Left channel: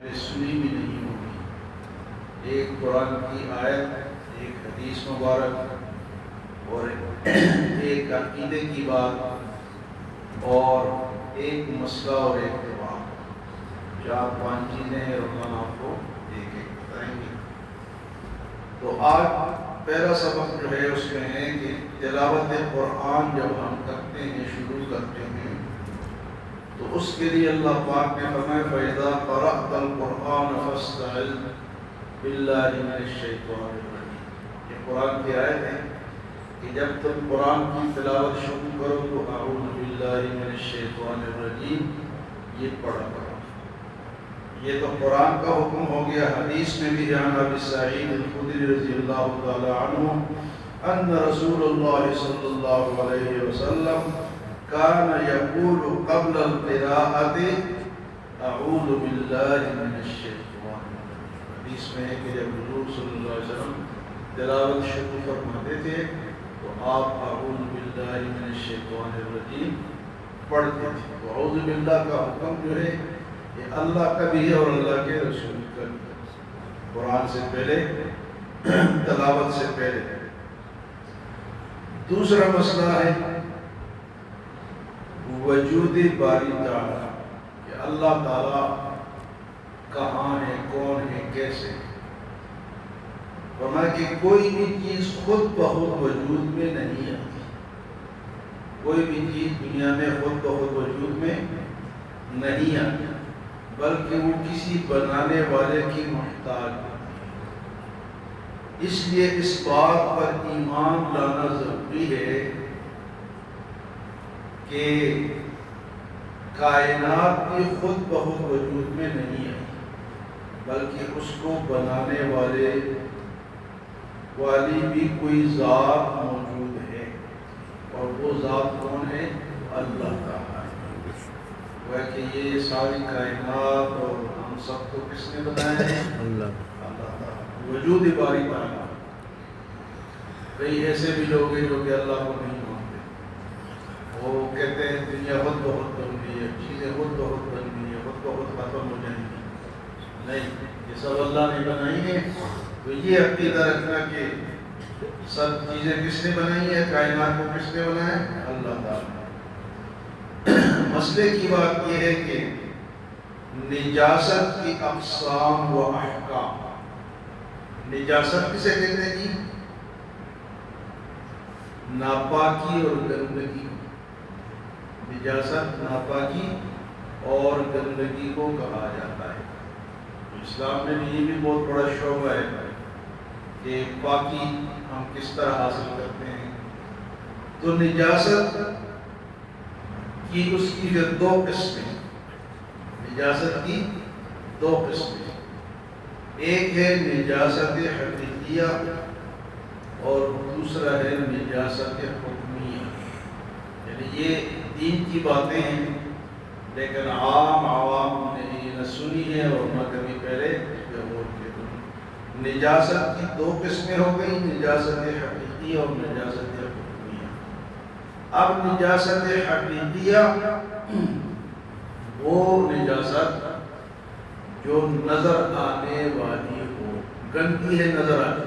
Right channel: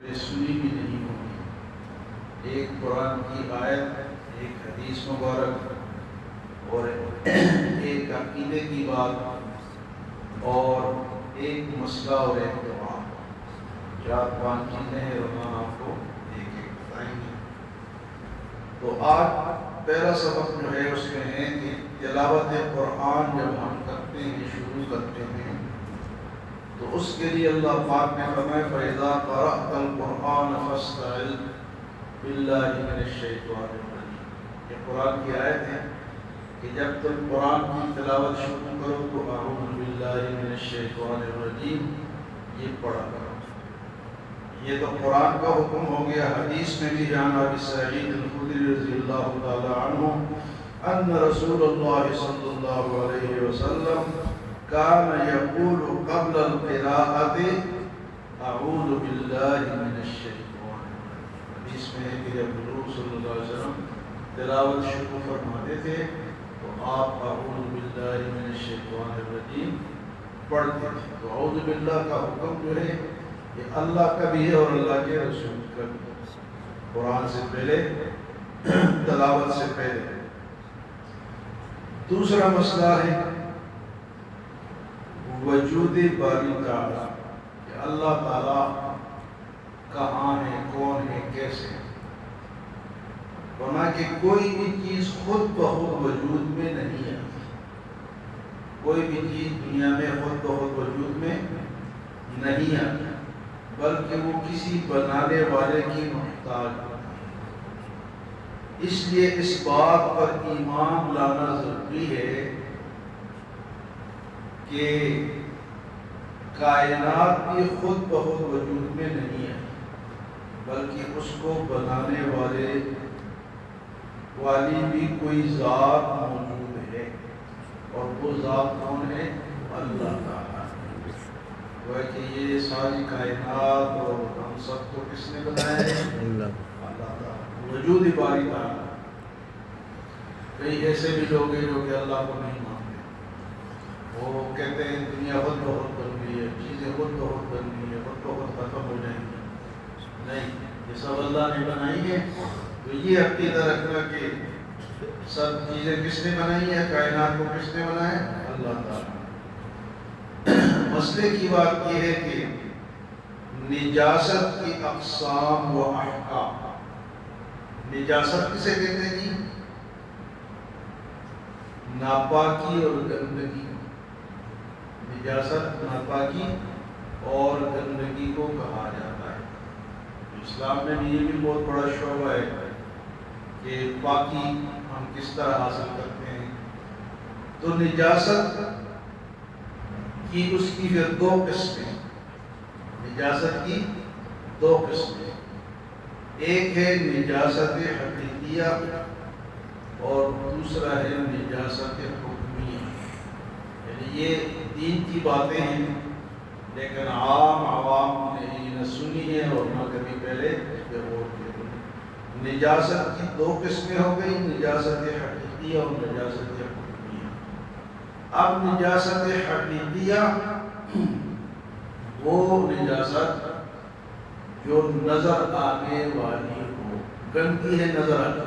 سنی بھی نہیں ہوگی۔ ایک قرآن کی آیت، ایک حدیث مبارک اور ایک عقیدے کی بات اور ایک مسئلہ اور ایک اتفاق، 4-5 چیزیں ہیں اور ہم آپ کو ایک ایک بتائیں گے۔ تو آج پہلا سبق جو ہے اس میں ہے کہ تلاوت قرآن جب ہم کرتے ہیں، شروع کرتے ہیں، تو اس کے لیے اللہ پاک نے فرمایا فَإِذَا قَرَأْتَ الْقُرْآنَ فَاسْتَعِذْ بِاللَّهِ مِنَ الشَّيْطَانِ الرَّجِيمِ۔ یہ قرآن کی آیت ہے کہ جب تم قرآن کی تلاوت شروع کرو تو اعوذ باللہ من الشیطان الرجیم یہ پڑھا کرو۔ یہ تو قرآن کا حکم ہو گیا۔ حدیث میں بھی عن ابی سعید الخدری رضی اللہ تعالی عنہ ان رسول اللہ صلی اللہ علیہ وسلم کان یقول قبل القراءۃ اعوذ باللہ من الشیطان الرجیم۔ حدیث میں ہے کہ جب حضور صلی اللہ علیہ وسلم تلاوت شروع فرماتے تھے تو آپ اعوذ باللہ من الشیطان الرجیم پڑھتے تھے۔ تو اعوذ باللہ کا حکم جو ہے یہ اللہ کا بھی ہے اور اللہ کے رسول کا بھی، قرآن سے پہلے، تلاوت سے پہلے۔ دوسرا مسئلہ ہے وجود باری تعالیٰ، کہ اللہ تعالیٰ کہاں ہے، کون ہے، کیسے۔ ورنہ کہ کوئی بھی چیز خود بخود وجود میں نہیں آتی، کوئی بھی چیز دنیا میں خود بخود وجود میں نہیں آتی، بلکہ وہ کسی بنانے والے کی محتاج ہوتی ہے۔ اس لیے اس بات پر ایمان لانا ضروری ہے کہ کائنات بھی خود بخود وجود میں نہیں ہے، بلکہ اس کو بنانے والی بھی کوئی ذات موجود ہے، اور وہ ذات کون ہے؟ اللہ تعالیٰ۔ وہ کہ یہ ساری کائنات اور ہم سب کو کس نے بنایا ہے؟ اللہ تعالیٰ، وجود باری تعالیٰ۔ کئی ایسے بھی لوگ ہیں جو کہ اللہ کو نہیں مانتے، وہ کہتے ہیں دنیا خود بخود بن گئی ہے، چیزیں خود بخود بن گئی ہیں، خود بخود ختم ہو جائیں گی۔ نہیں، یہ سب اللہ نے بنائی ہے۔ تو یہ عقیدہ رکھنا کہ سب چیزیں کس نے بنائی ہے، کائنات کو کس نے بنایا ہے؟ اللہ تعالیٰ۔ مسئلے کی بات یہ ہے کہ نجاست کی اقسام و احکام۔ نجاست کسے کہتے ہیں جی؟ ناپاکی اور گندگی۔ نجاست ناپاکی اور گندگی کو کہا جاتا ہے۔ اسلام میں بھی یہ بھی بہت بڑا شعبہ ہے کہ پاکی ہم کس طرح حاصل کرتے ہیں۔ تو نجاست کی اس کی پھر 2 قسمیں، نجاست کی 2 قسمیں، ایک ہے نجاست حقیقیہ اور دوسرا ہے نجاست حکمیہ۔ یعنی یہ 3 کی باتیں ہیں، لیکن عوام نے یہ نہ سنی ہے اور نہ کبھی پہلے غور کیا۔ نجاست کی 2 قسمیں ہو گئی، نجاست حقیقیہ اور نجاست حکمیہ۔ اب نجاست حقیقیہ وہ نجاست جو نظر آنے والی ہو، گندگی ہے نظر آتی،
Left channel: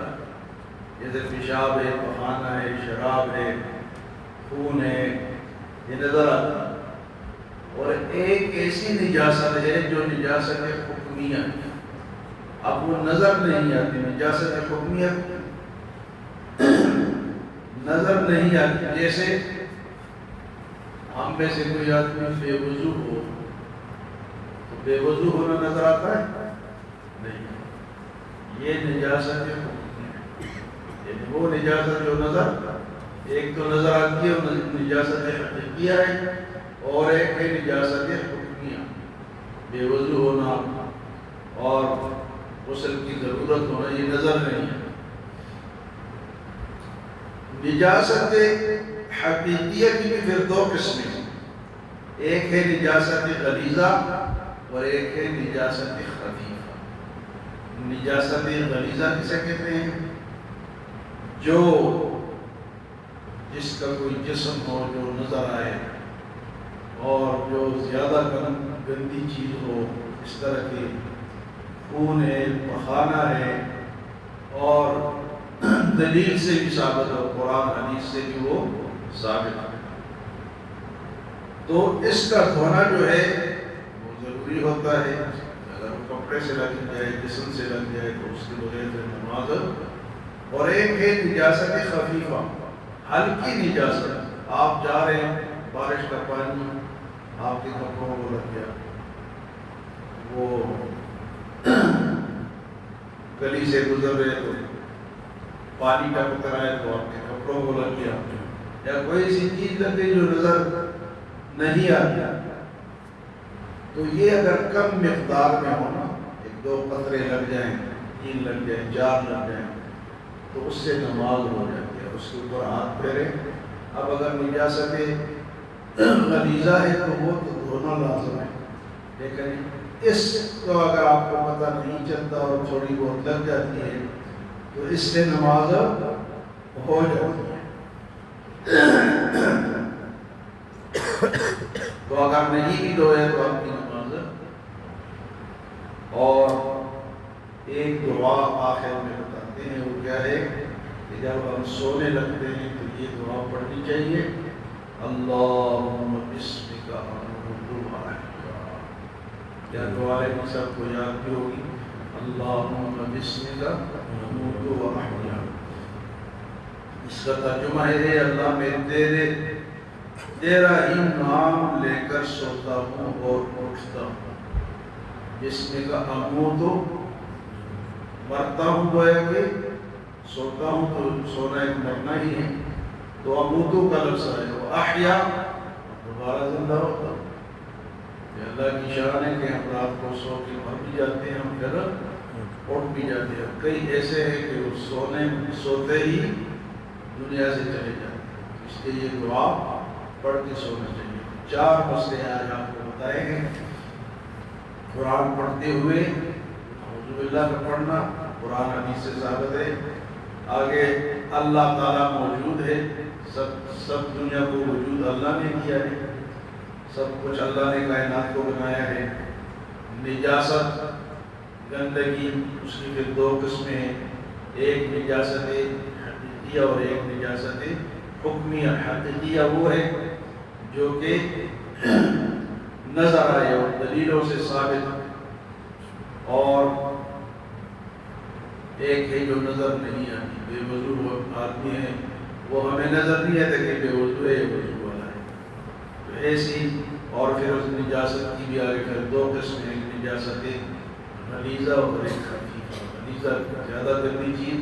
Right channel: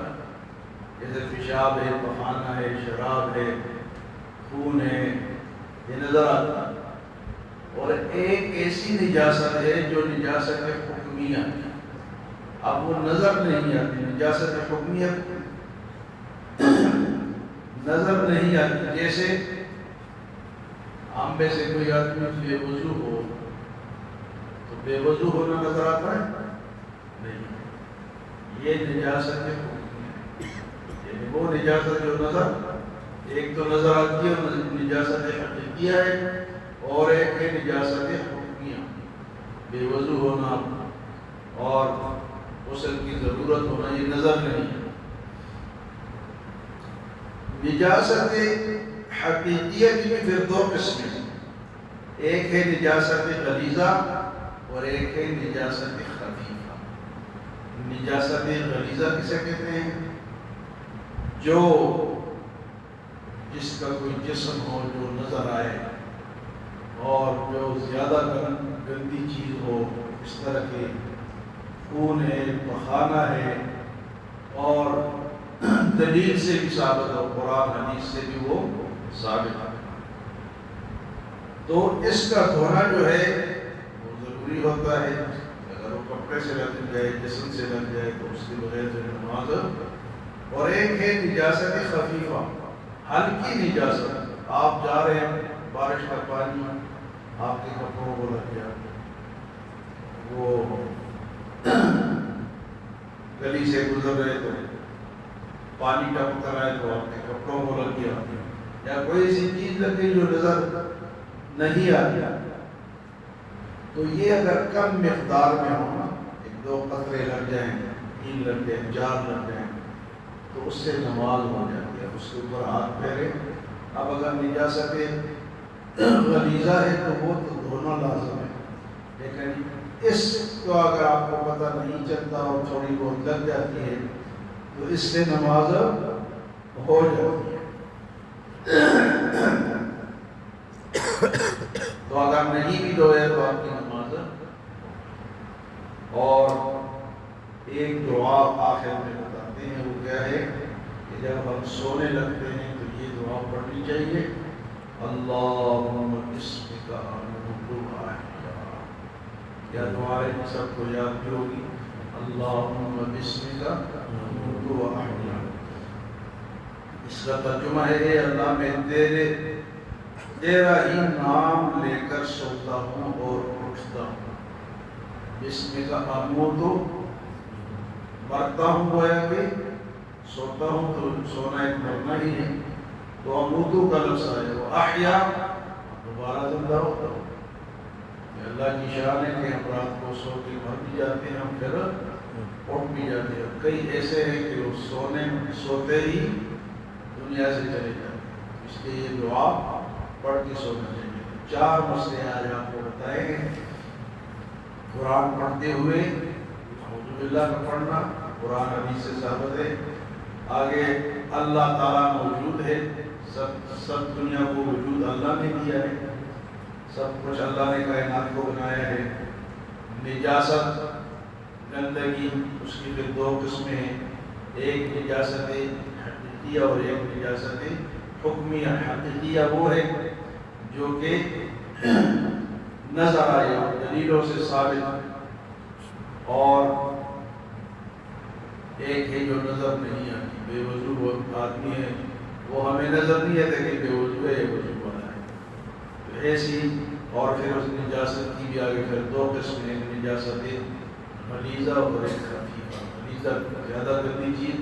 جیسے پیشاب ہے، پخانہ ہے، شراب ہے، خون ہے، یہ نظر آتا ہے۔ اور ایک ایسی نجاست ہے جو نجاست حکمیہ ہے، اب وہ نظر نہیں آتی۔ نجاست حکمیہ نظر نہیں آتی، جیسے ہم میں سے کوئی آدمی بے وضو ہو تو بے وضو ہونا نظر آتا ہے؟ نہیں، یہ نجاست حکمیہ، یعنی وہ نجاست جو ایک تو نظر آتی ہے اور نجاست حقیقیہ ہے، اور ایک ہے نجاست حکمیہ، بے وضو ہونا اور غسل کی ضرورت ہونا، یہ نظر نہیں ہے۔ نجاست حقیقیہ کی بھی پھر 2 قسمیں، ایک ہے نجاست غلیظہ اور ایک ہے نجاست خفیفہ۔ نجاست غلیظہ کسے کہتے ہیں؟ جو جس کا کوئی جسم ہو جو نظر آئے اور جو زیادہ گندی چیز ہو، اس طرح کی خون ہے، پخانا ہے، اور دلیل سے بھی ثابت ہے، قرآن حدیث سے بھی وہ ثابت ہے۔ تو اس کا دھونا جو ہے وہ ضروری ہوتا ہے۔ اگر وہ کپڑے سے لگ جائے، جسم سے لگ جائے تو اس کے بغیر جو نماز۔ اور ایک ہے نجاست خفیفہ، ہلکی نجاست۔ آپ جا رہے ہیں، بارش کا پانی آپ کے کپڑوں کو لگ گیا، وہ گلی سے گزر رہے تو پانی ٹپک رہا ہے تو آپ کے کپڑوں کو لگ گیا، یا کوئی ایسی چیز لگ گئی جو نظر نہیں آتی، تو یہ اگر کم مقدار میں ہونا، 1-2 قطرے لگ جائیں، 3 لگ جائیں، 4 لگ جائیں، تو اس سے نماز ہو جاتی ہے۔ اس کے اوپر ہاتھ پھیرے۔ اب اگر نجاست غلیظہ ہے تو وہ تو دھونا لازم ہے، لیکن اس کو اگر آپ کو پتہ نہیں چلتا اور تھوڑی بہت لگ جاتی ہے تو اس سے نماز ہو جاتی ہے۔ تو اگر نہیں بھی دھوئے تو آپ کی نماز۔ اور ایک دعا آخر میں بتاتے ہیں، وہ کیا ہے کہ جب ہم سونے لگتے ہیں تو یہ دعا پڑھنی چاہیے، اللہم بسمک اموت و احیا۔ کیا دعا ہے؟ سب کو یاد بھی ہوگی، اللہم بسمک اموت و احیا۔ اس کا ترجمہ ہے، اللہ میں تیرا ہی نام لے کر سوتا ہوں اور اٹھتا ہوں۔ بسمک اموت، مرتا ہوں، گویا کہ سوتا ہوں تو سونا ایک مرنا ہی ہے، تو اموتو کا لفظ ہے، وہ احیا دوبارہ زندہ ہوتا ہوں۔ یہ اللہ کی شان ہے کہ ہم رات کو سو کے مر بھی جاتے ہیں، ہم پھر اٹھ بھی جاتے ہیں۔ کئی ایسے ہیں کہ وہ سوتے ہی دنیا سے چلے جاتے ہیں، اس لیے یہ دعا پڑھ کے سونا چاہیے۔ 4 مسئلے آج آپ کو بتائے گے۔ قرآن پڑھتے ہوئے اعوذ باللہ کا پڑھنا، قرآن حدیث سے ثابت ہے۔ آگے اللہ تعالیٰ موجود ہے، سب دنیا کو وجود اللہ نے دیا ہے، سب کچھ اللہ نے کائنات کو بنایا ہے۔ نجاست، گندگی، اس کی پھر 2 قسمیں ہیں، ایک نجاست حقیقیہ اور ایک نجاست حکمیہ۔ حقیقیہ وہ ہے جو کہ نظر آئے اور دلیلوں سے ثابت، اور ایک ہے جو نظر نہیں آتی، بے وضو آدمی ہے، وہ ہمیں نظر نہیں آتا کہ بے وضو ہے یا وضو والا ہے، تو ایسی۔ اور پھر اس نجاست کی بھی آگے پھر 2 قسم ہیں، نجاست غلیظہ اور ایک خفیفہ۔ غلیظہ زیادہ گندی چیز،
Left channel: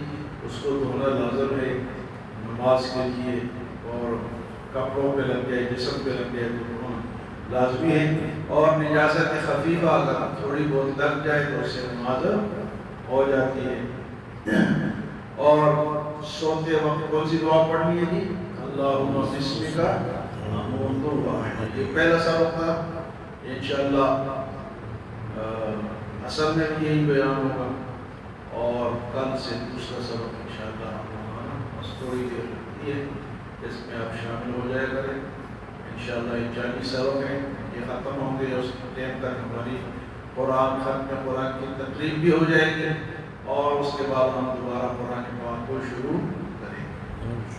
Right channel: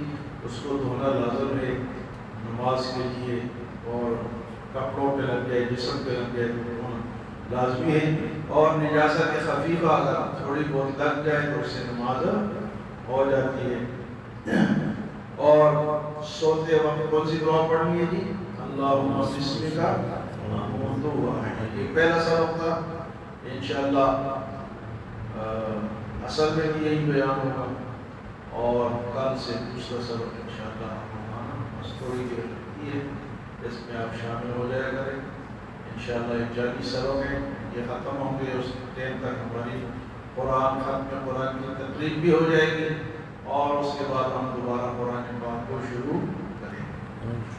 اس کو دھونا لازم ہے نماز کے لیے، اور کپڑوں پہ لگ جائے، جسم پہ لگ جائے تو دھونا لازمی ہے۔ اور نجاست خفیفہ اگر تھوڑی بہت لگ جائے تو اس سے نماز ہو جاتی ہے۔ اور سوتے وقت کون سی دعا پڑھنی ہے جی؟ اللہم بسمک اموت و احیا۔ یہ پہلا سبق تھا، انشاءاللہ اصل میں بھی یہی بیان ہوگا، اور کل سے دوسرا سبق انشاءاللہ تھوڑی دیر رکھتی ہے، جس میں آپ شامل ہو جائے کریں۔ انشاءاللہ 40 سبق ہیں، یہ ختم ہوں گے، اس ٹائم تک ہماری قرآن ختم قرآن کی تقریب بھی ہو جائے گی، اور اس کے بعد ہم دوبارہ قرآن پاک کو شروع کریں گے۔